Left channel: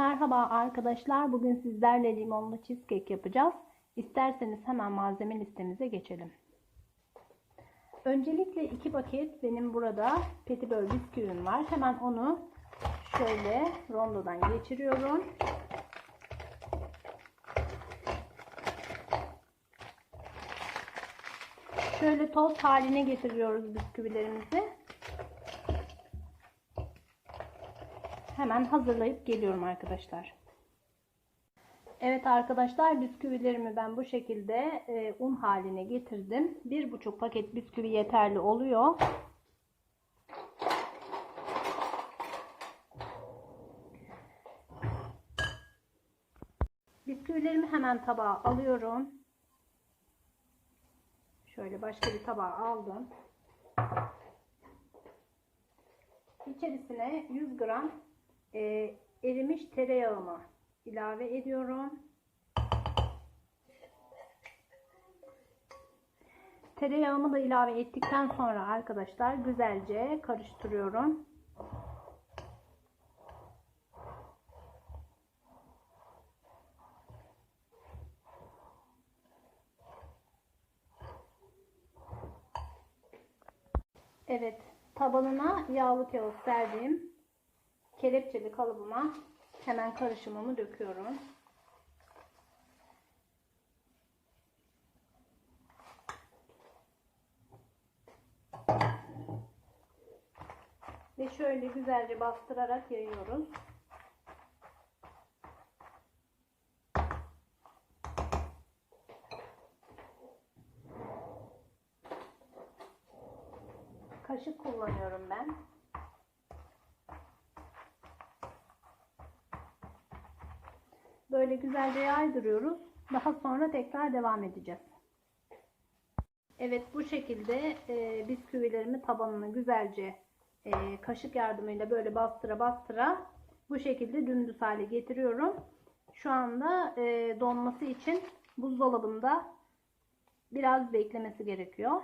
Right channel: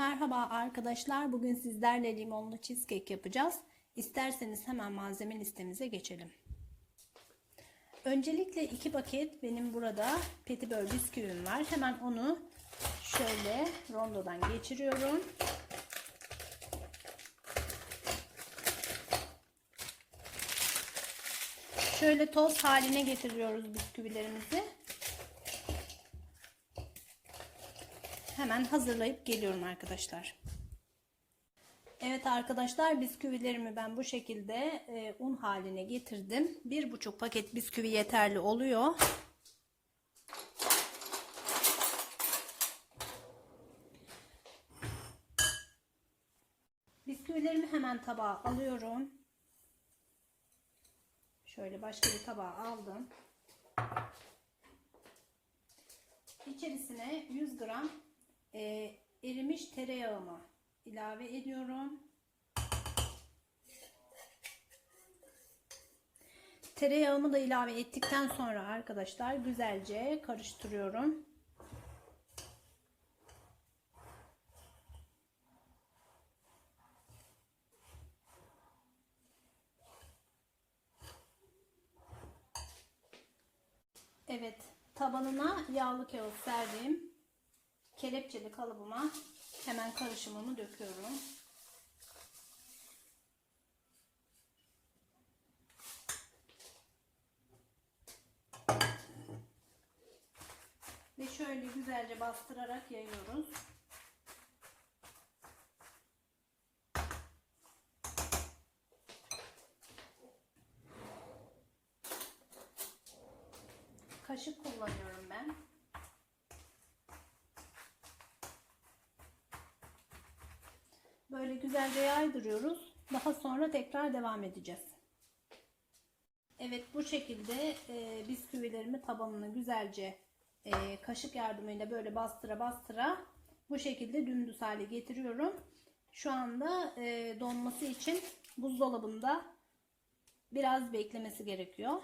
Merhaba arkadaşlar. Bugün sizlerle limonlu cheesecake yapacağız. İsterseniz hemen malzeme listemize geçelim. Öncelikle iki paket benim burada petibör bisküvim var. Hemen onu şöyle rondodan geçiriyorum. Şöyle toz haline getiriyoruz bisküvilerimizi. Hemen hazırlayıp geliyorum arkadaşlar. Evet arkadaşlar bisküvilerimi ben bu şekilde e, un haline getirdim. Bir buçuk paket bisküvi yeterli oluyor. Bisküvilerimi hemen tabağa alıyorum. Şöyle başka bir tabağa aldım. İçerisine 100 gram e, erimiş tereyağımı ilave ediyorum. Tereyağımı da ilave ettikten sonra arkadaşlar güzelce karıştırıyorum. Evet, tabanına yağlı kağıt serdiğim kelepçeli kalıbıma hemen karışımımı döküyorum. Ve şöyle güzelce bastırarak yayıyoruz. Kaşık kullanıyorum ben. Böyle güzelce yaydırıyoruz. Daha sonra tekrar devam edeceğiz. Evet bu şekilde e, bisküvilerimi tabanını güzelce e, kaşık yardımıyla böyle bastıra bastıra bu şekilde dümdüz hale getiriyorum. Şu anda e, donması için buzdolabında biraz beklemesi gerekiyor.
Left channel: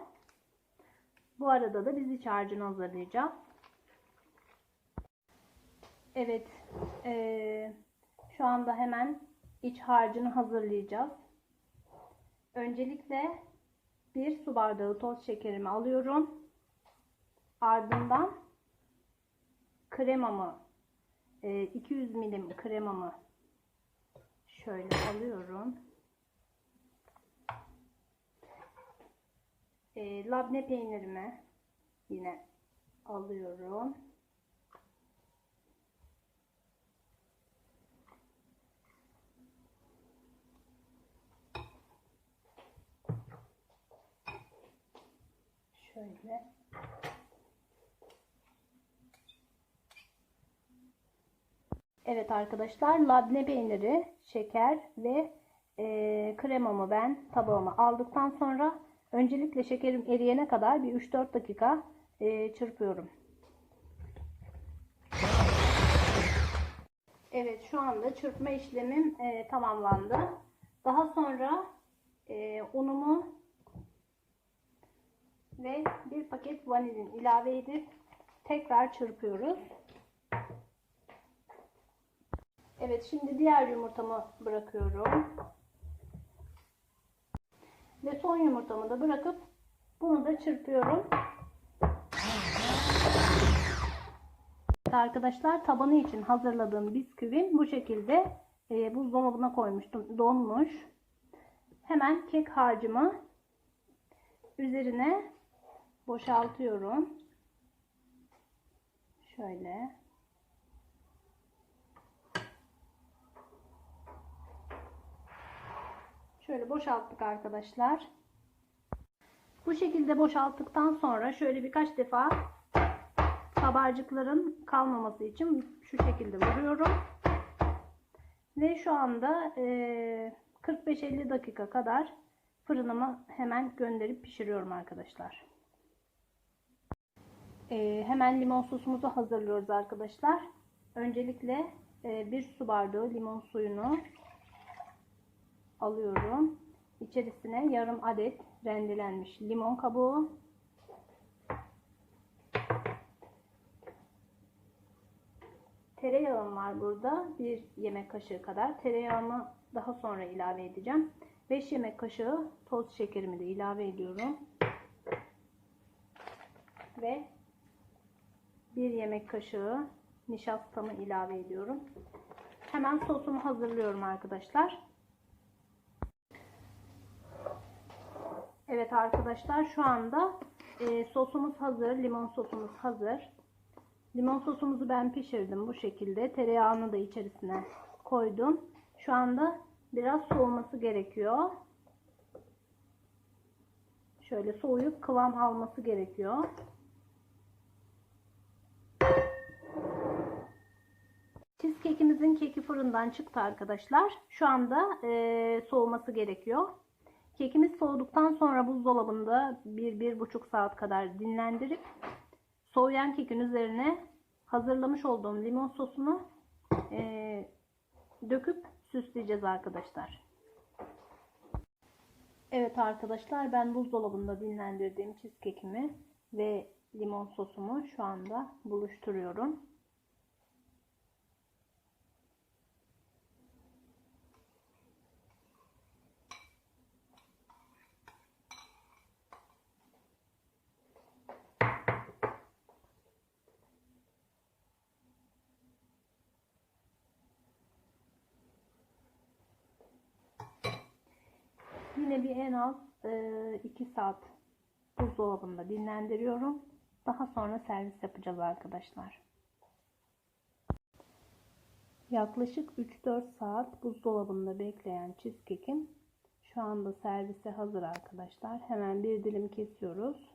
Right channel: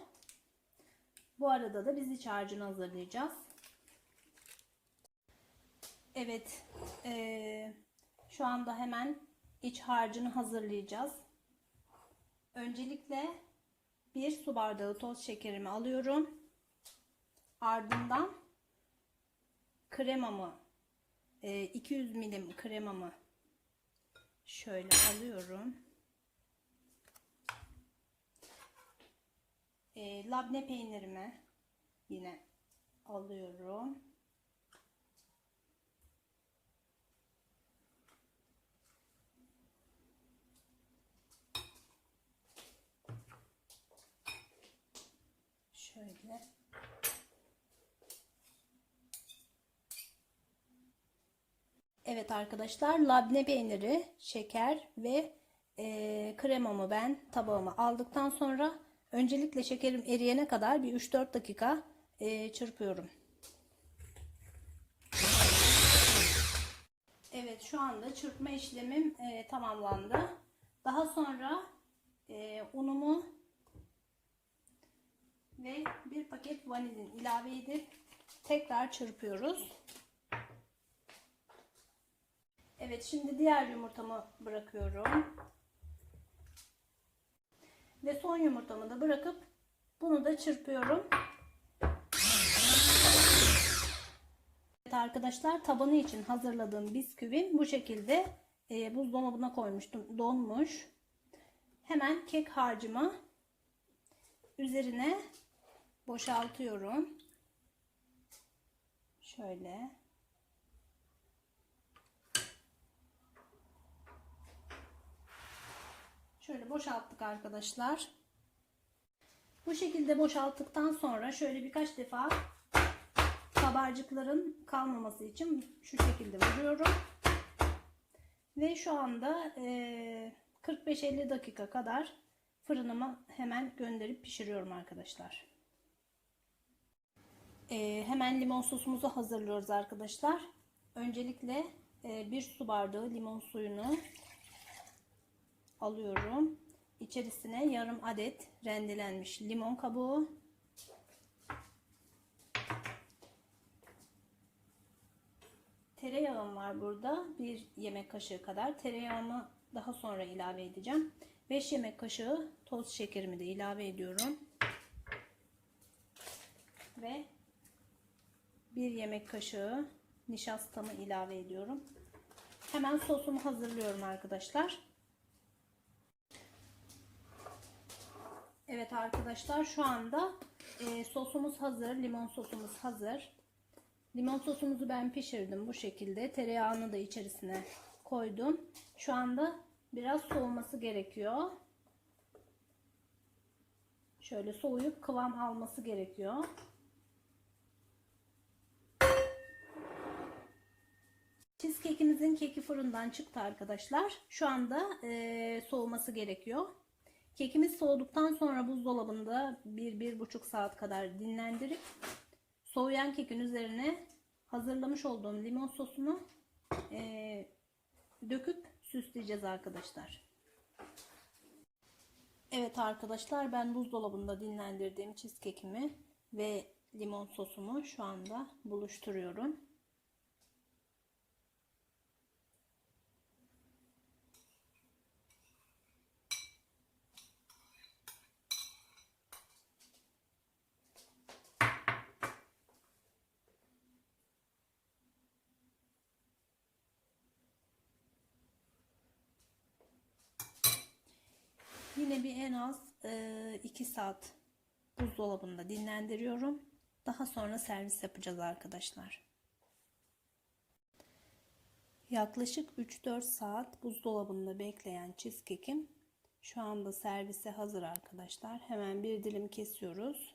Bu arada da biz iç harcını hazırlayacağız. Evet. E, şu anda hemen iç harcını hazırlayacağız. Öncelikle bir su bardağı toz şekerimi alıyorum. Ardından kremamı 200 milim kremamı şöyle alıyorum. E, labne peynirimi yine alıyorum. Şöyle. Evet arkadaşlar labne peyniri, şeker ve e, kremamı ben tabağıma aldıktan sonra öncelikle şekerim eriyene kadar bir 3-4 dakika e, çırpıyorum. Evet şu anda çırpma işlemim e, tamamlandı. Daha sonra e, unumu ve bir paket vanilin ilave edip tekrar çırpıyoruz. Evet şimdi diğer yumurtamı bırakıyorum. Ve son yumurtamı da bırakıp bunu da çırpıyorum. Evet arkadaşlar tabanı için hazırladığım bisküvim bu şekilde e, buzdolabına koymuştum. Donmuş. Hemen kek harcımı üzerine boşaltıyorum. Şöyle. Şöyle boşalttık arkadaşlar. Bu şekilde boşalttıktan sonra şöyle birkaç defa kabarcıkların kalmaması için şu şekilde vuruyorum. Ve şu anda 45-50 dakika kadar fırınıma hemen gönderip pişiriyorum arkadaşlar. Ee, hemen limon sosumuzu hazırlıyoruz arkadaşlar. Öncelikle e, bir su bardağı limon suyunu alıyorum. İçerisine yarım adet rendelenmiş limon kabuğu. Tereyağım var burada. Bir yemek kaşığı kadar. Tereyağımı daha sonra ilave edeceğim. 5 yemek kaşığı toz şekerimi de ilave ediyorum. Ve 1 yemek kaşığı nişastamı ilave ediyorum. Hemen sosumu hazırlıyorum arkadaşlar. Evet arkadaşlar şu anda e, sosumuz hazır. Limon sosumuz hazır. Limon sosumuzu ben pişirdim bu şekilde. Tereyağını da içerisine koydum. Şu anda biraz soğuması gerekiyor. Şöyle soğuyup kıvam alması gerekiyor. Cheesecake'imizin keki fırından çıktı arkadaşlar. Şu anda e, soğuması gerekiyor. Kekimiz soğuduktan sonra buzdolabında 1-1,5 saat kadar dinlendirip soğuyan kekin üzerine hazırlamış olduğum limon sosunu e, döküp süsleyeceğiz arkadaşlar. Evet arkadaşlar ben buzdolabında dinlendirdiğim cheesecake'imi ve limon sosumu şu anda buluşturuyorum. Yine bir en az 2 saat buzdolabında dinlendiriyorum. Daha sonra servis yapacağız arkadaşlar. Yaklaşık 3-4 saat buzdolabında bekleyen cheesecake'im şu anda servise hazır arkadaşlar. Hemen bir dilim kesiyoruz.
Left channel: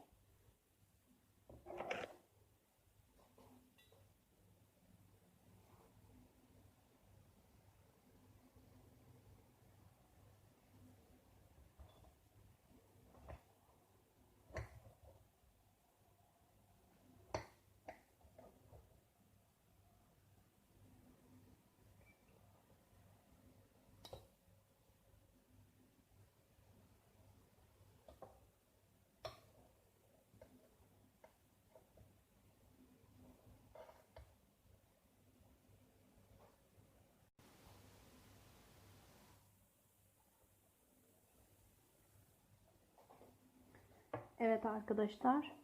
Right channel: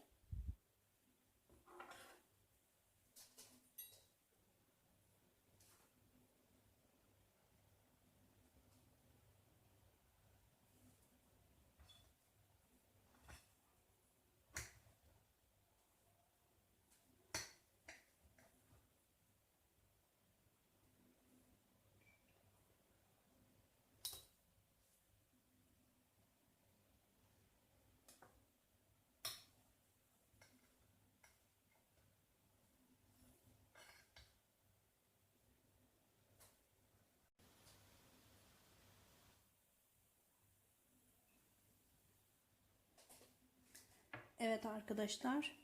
Evet arkadaşlar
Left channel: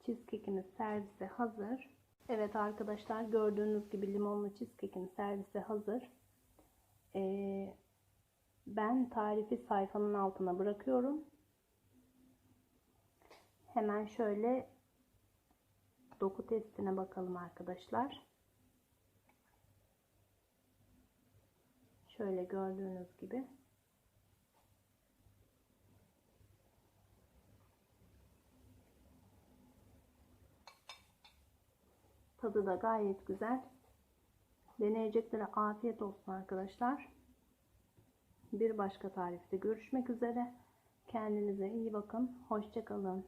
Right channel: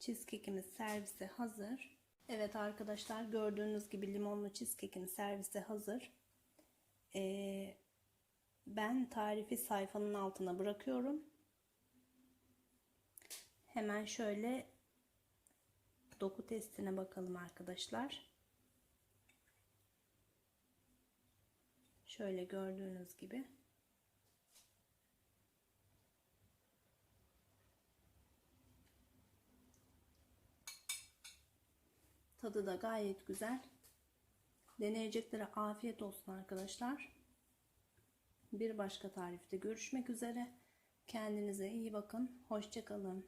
cheesecake'imiz servise hazır. Evet arkadaşlar gördüğünüz gibi limonlu cheesecake'in servise hazır. Ee, ben tarifi sayfanın altına bırakıyorum. Hemen şöyle doku testine bakalım arkadaşlar. Şöyle gördüğünüz gibi. Tadı da gayet güzel. Deneyeceklere afiyet olsun arkadaşlar. Bir başka tarifte görüşmek üzere. Kendinize iyi bakın. Hoşçakalın.